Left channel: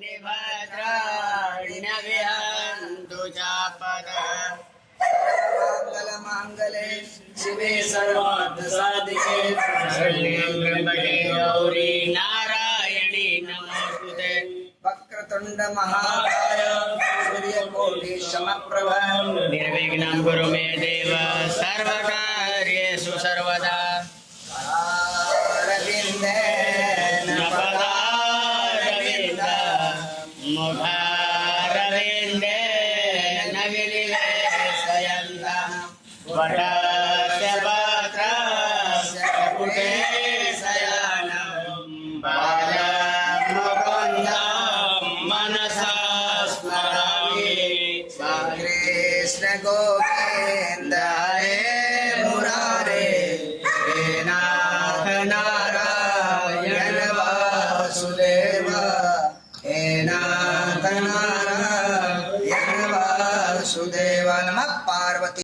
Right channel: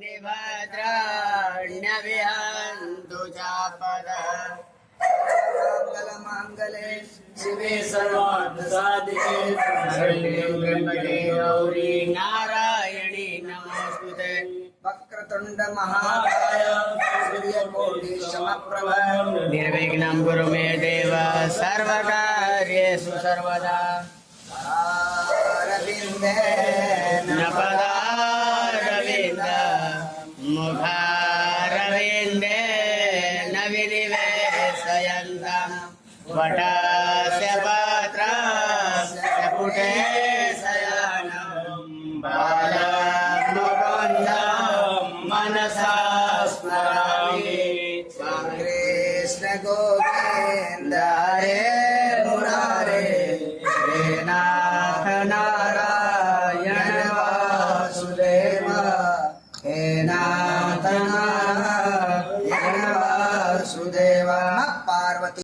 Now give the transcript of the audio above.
निभद्राण्यविहन्तु चापदः मांगले शिवे सर्वार्थसाधिके शरण्ये त्र्यंबके गौरी नारायणी नमोस्तुते वक्रतुंड महाकाय सूर्यकोटि समप्रभ निर्विघ्नं कुरु मे देव सर्वकार्येषु सर्वदा अरविन्देन पदारविन्द मुखारविन्देन विनिवेशयन्तः वटस्य पत्रस्य पुटे शयनं बालमुकुन्दं मनसा स्मरामि कृष्ण गोविंद हरे मुरारे हे नाथ नारायण वासुदेव हे नाथ नारायण वासुदेव नमः पार्वती।